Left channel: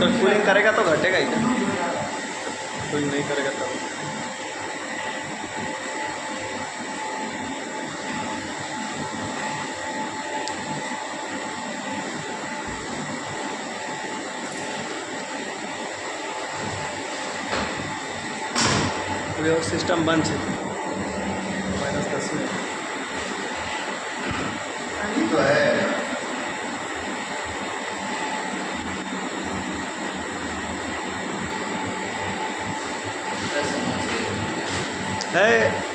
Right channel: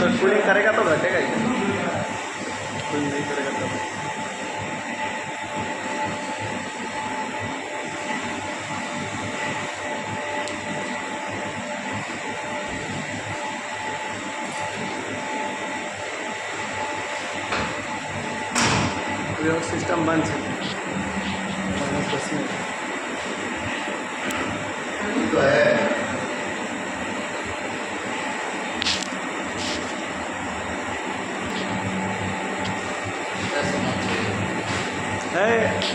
तो कूलिंग करेगा तो घटेगा ही, कूलिंग नहीं करेगा तब। अभी और सिस्टम बंद है -10 में तो है है